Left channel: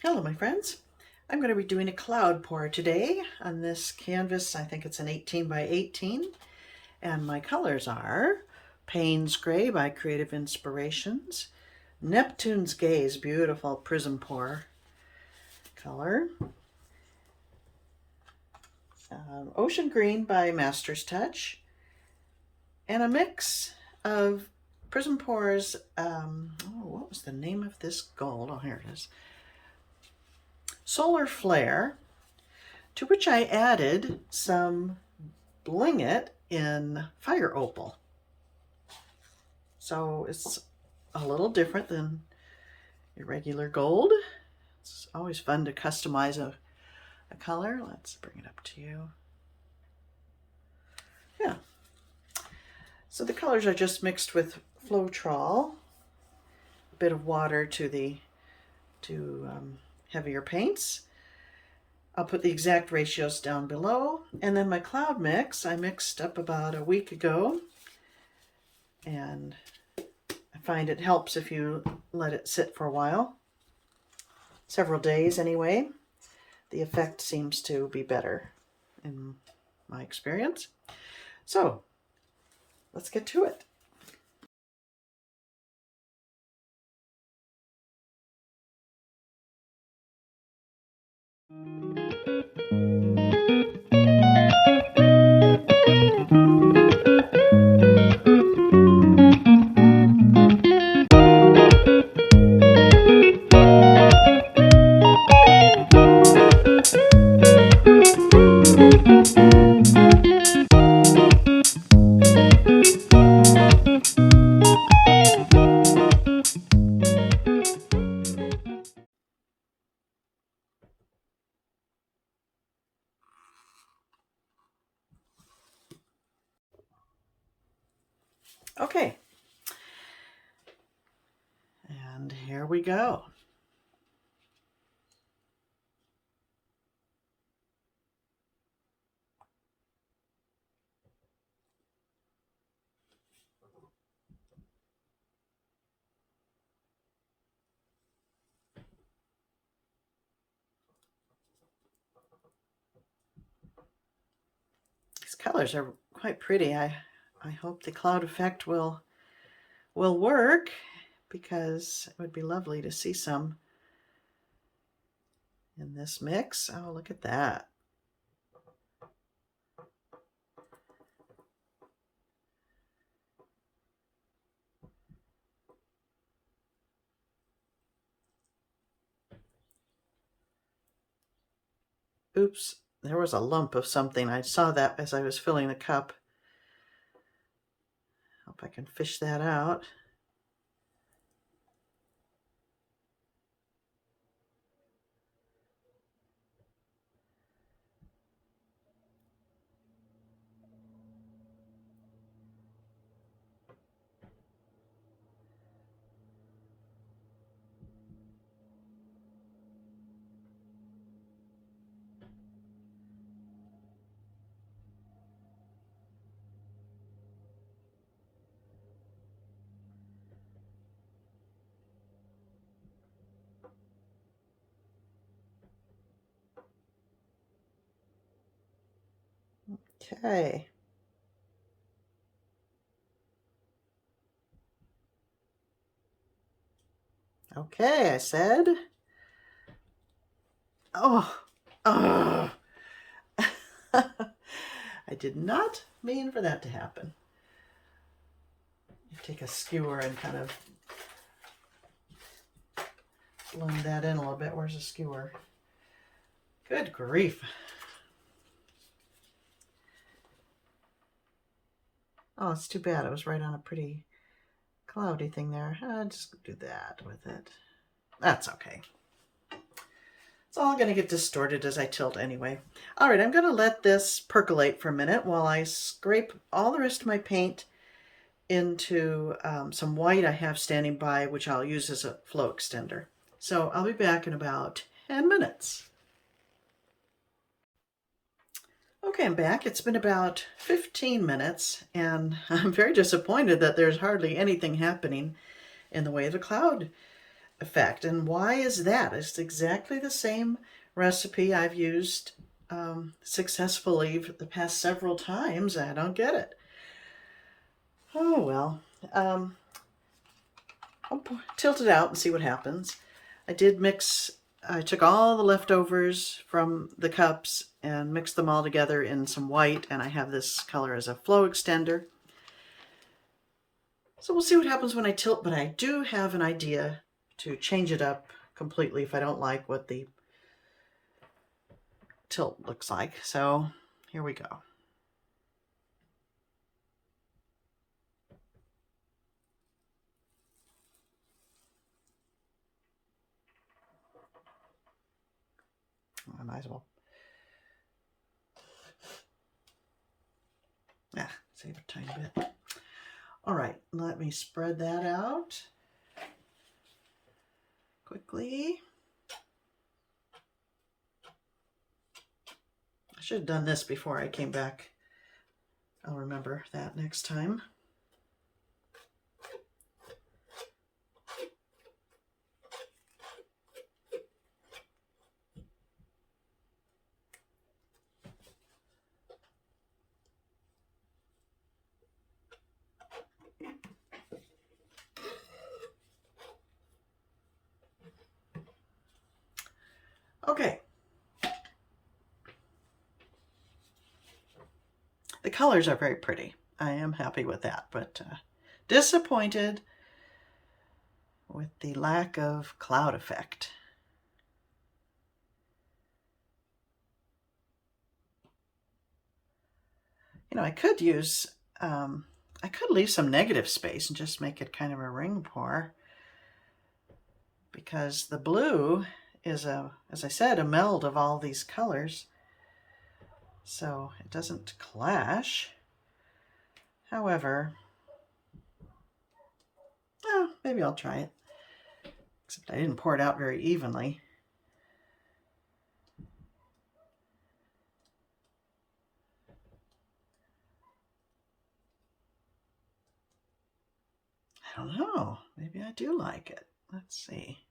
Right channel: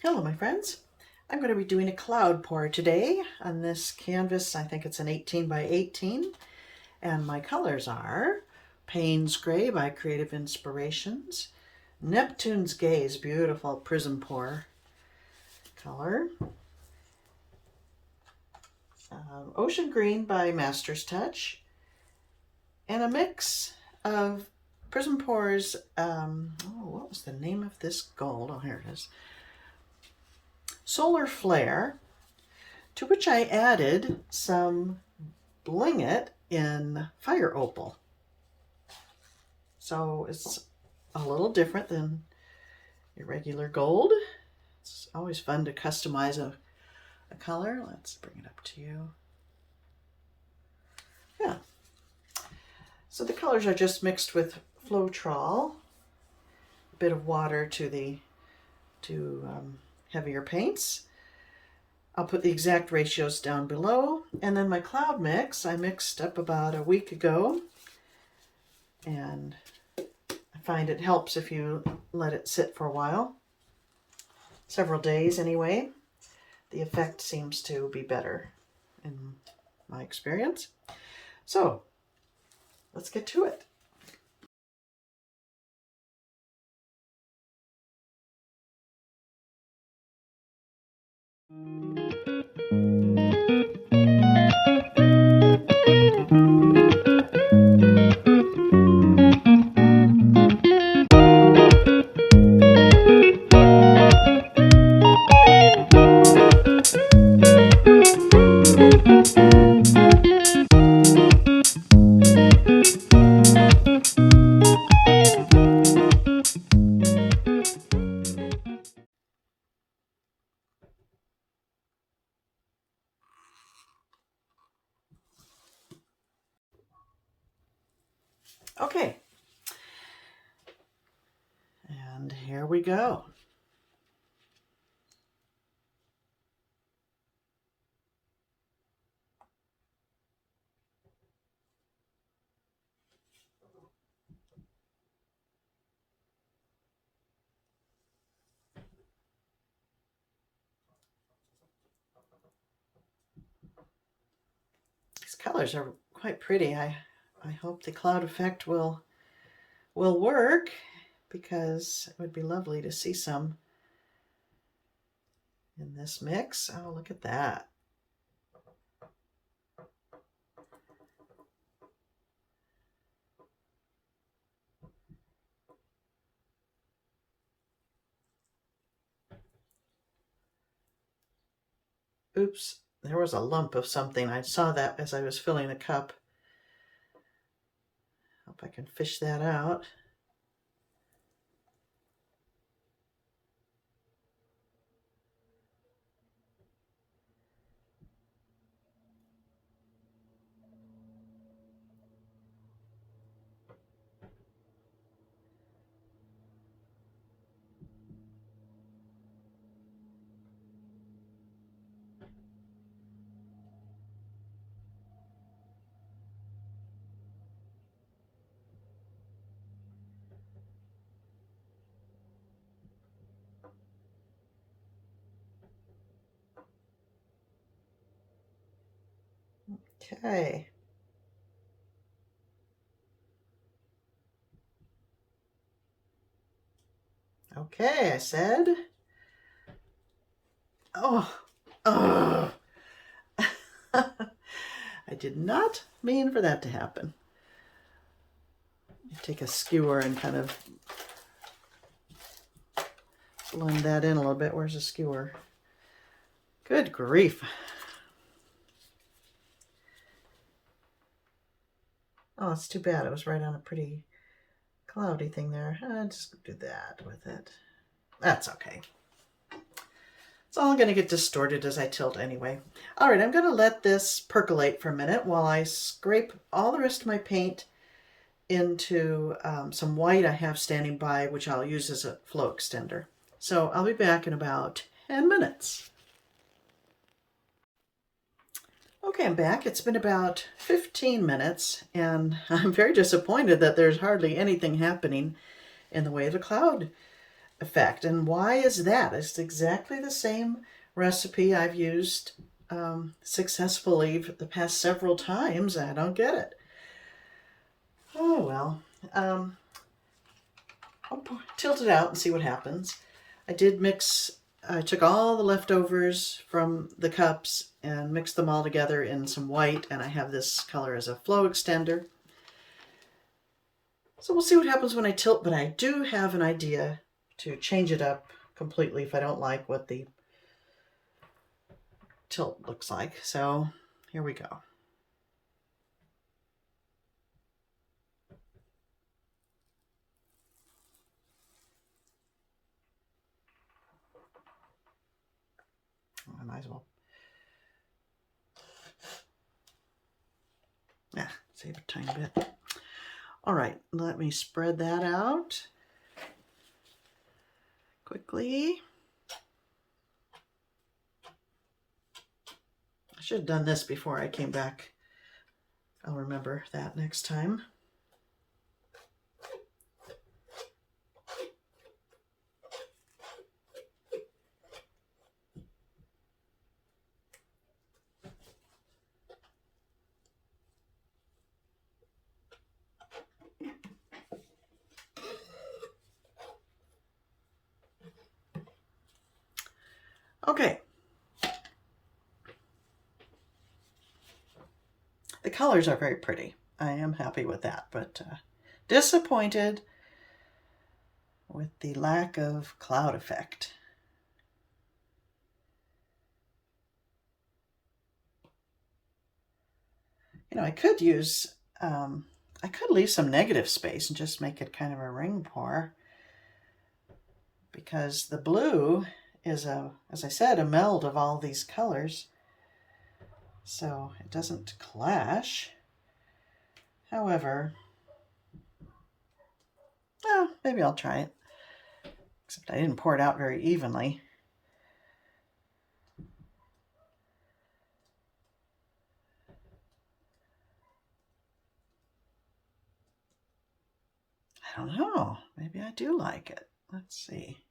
Hello my friends. I'm going to be doing a cloud pour today on this canvas. I think it's an 18 by 18 and my colors are Payne's Gray by Creative Inspirations, Neptune's Gaze, beautiful Prism Pour color, Ocean Green by Master's Touch, and a mix of Prism Pour's, what was the name of this gold? Oh, here it is. Solar Flare, to which I added some Bling It in Fire Opal. So it's a little different than your regular gold. It's always fun to customize a color. Let's bring it up to you. Yeah. So the colors are just mixed with Floetrol, a bit of water to heavier paints. I'll put the exact ratios down below. And then my cloud mix, I mixed up about a week ago. And I find it helps if you let it sit for a while. Several days anyway. The effect seems to be better in my experience. So let's get to it. Okay, and here we go. These colors are quite pretty. I hope the cloud effect will work, because it would be lovely to see some in this mix. Oh, look at that. Oops, there was a lump of something. I saw that as I was filling the cup. Hope I can fish that out. Okay. Okay, I said. Oh, I did not mean for that to happen. Take a skewer and kind of blend that in a little bit. Where's the skewer? Good grief. Oh, it's too bad. It was right on a pretty cloudy thing there. I'll just do that with it. That's okay. It's all going to get distorted as I tilt anyway. All right, I'm going to let this percolate for a minute while I scrape all the rest of my paint into some white I have standing by, which I'll use as a flow extender. So I'll be back in about 10 minutes. Okay, I'm back. It's been about 15 minutes, and I'm very disappointed that there's hardly anything happening in the way of the cloud effect. And why is that? It's exactly the same recipe I've used successfully for the past several times. I don't get it. Oh well. I'll tilt it out and see what happens. I took all the leftovers from the cups and mixed them all together in some white, and I have this color as a flow extender. So we'll see what happens when I tilt, but I do have an idea to change it up completely if I don't like what the tilt looks like. So here we go. I might as well. Yeah, save a tiny bit. All right, let me spread that out quickly. I should have done this before I came back. I'll remember that next time. Okay. The colors are very pretty. I am happy with that, but disappointed with the lack of cloud effect. You know, I could leave some negative space and just make it kind of a ring pour, because the blue is as I said, a meld of all these colors, so it doesn't clash. However, maybe I'll try it, except I didn't pour it out very evenly. I don't know, maybe I do like it. Let's see.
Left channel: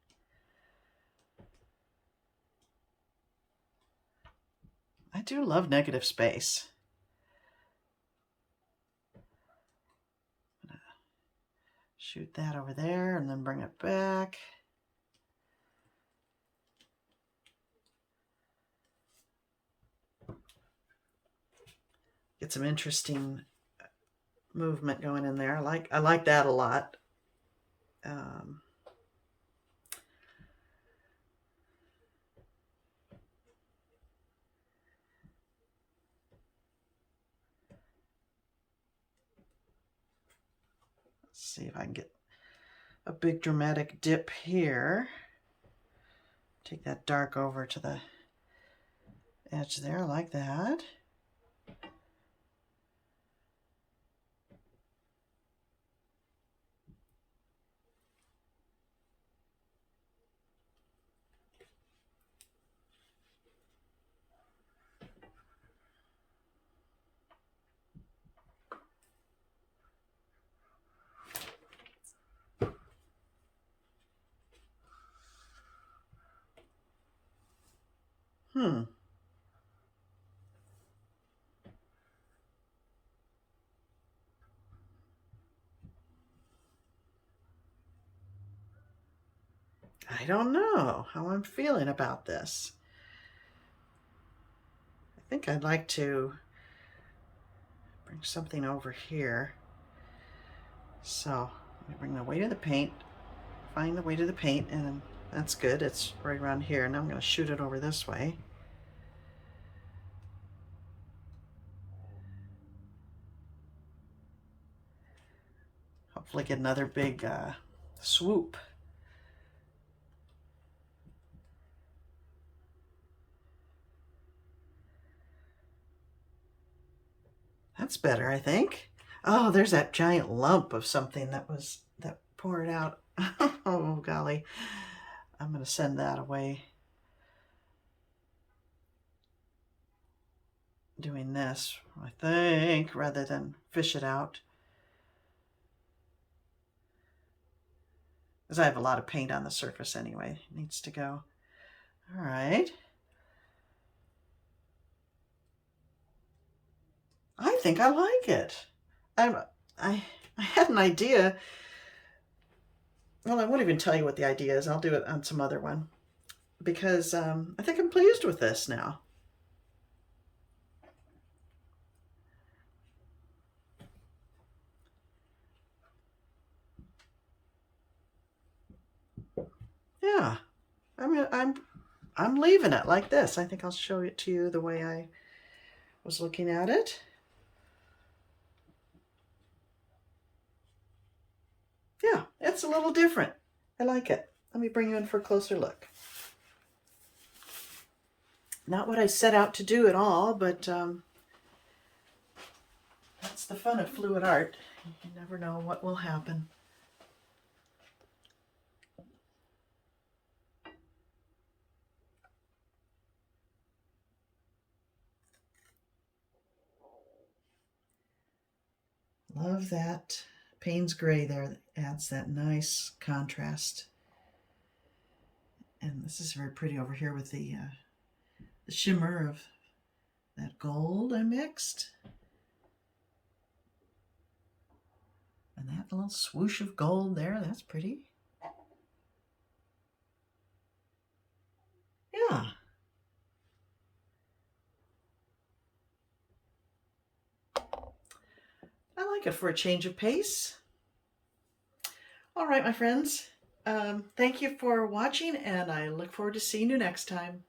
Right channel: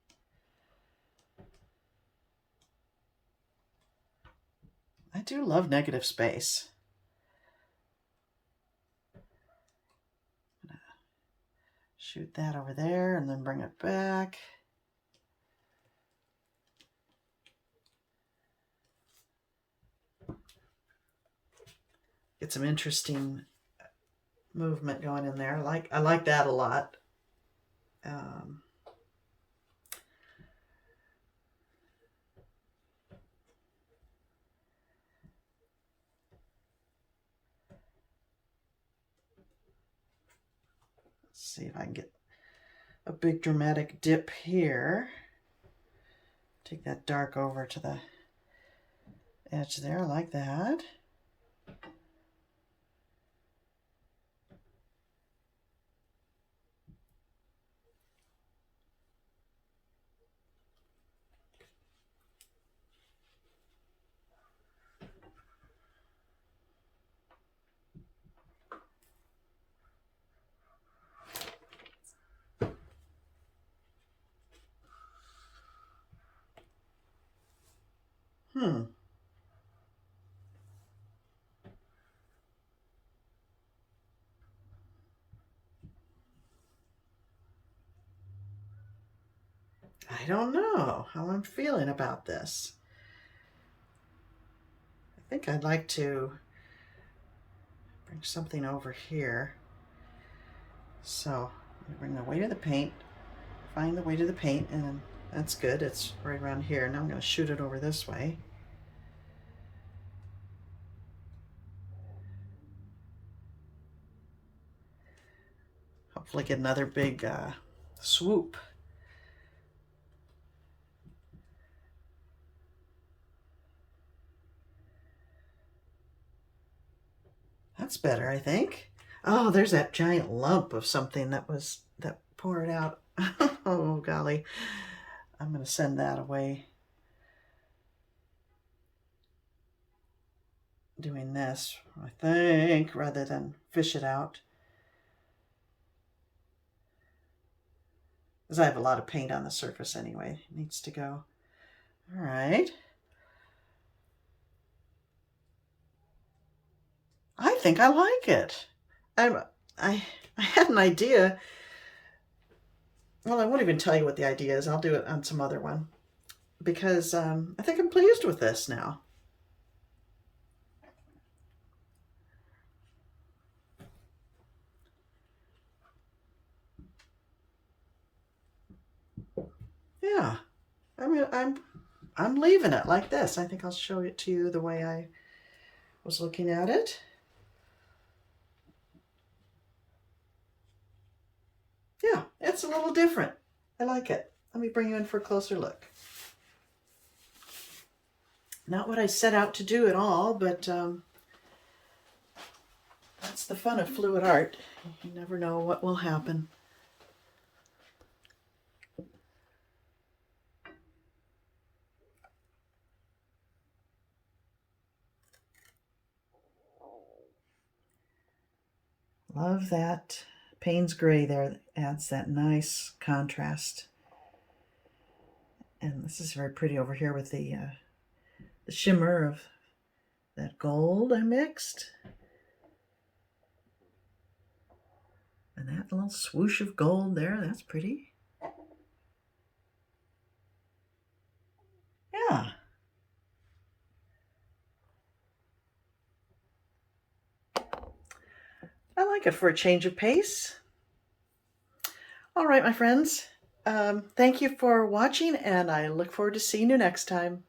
I do love negative space. I'm gonna shoot that over there and then bring it back. Get some interesting movement going in there. I like that a lot. See if I can get a big dramatic dip here. Take that dark over to the edge there, like that. I don't know how I'm feeling about this. I think I'd like to bring something over here. So let me bring the weight of the paint, find the weight of the paint, and then that's good. It's right around here. Now I'm going to shoot it over this way. Hopefully get another big swoop. That's better, I think. Oh, there's that giant lump of something that poured out. Oh, golly. I'm going to send that away. Doing this, I think, rather than fish it out. because I have a lot of paint on the surface anyway. It needs to go. All right. I think I like it. I had an idea. Well, I won't even tell you what the idea is. I'll do it on some other one because I think I'm pleased with this now. Yeah, I mean, I'm leaving it like this. I think I'll show it to you the way I was looking at it. Yeah, it's a little different. I like it. Let me bring you in for a closer look. Not what I set out to do at all, but that's the fun of fluid art. You never know what will happen. Love that Payne's gray there. That adds that nice contrast. And this is very pretty over here with the shimmer of that gold I mixed. And that little swoosh of gold there, that's pretty. Yeah. I like it for a change of pace. All right, my friends. Thank you for watching, and I look forward to seeing you next time.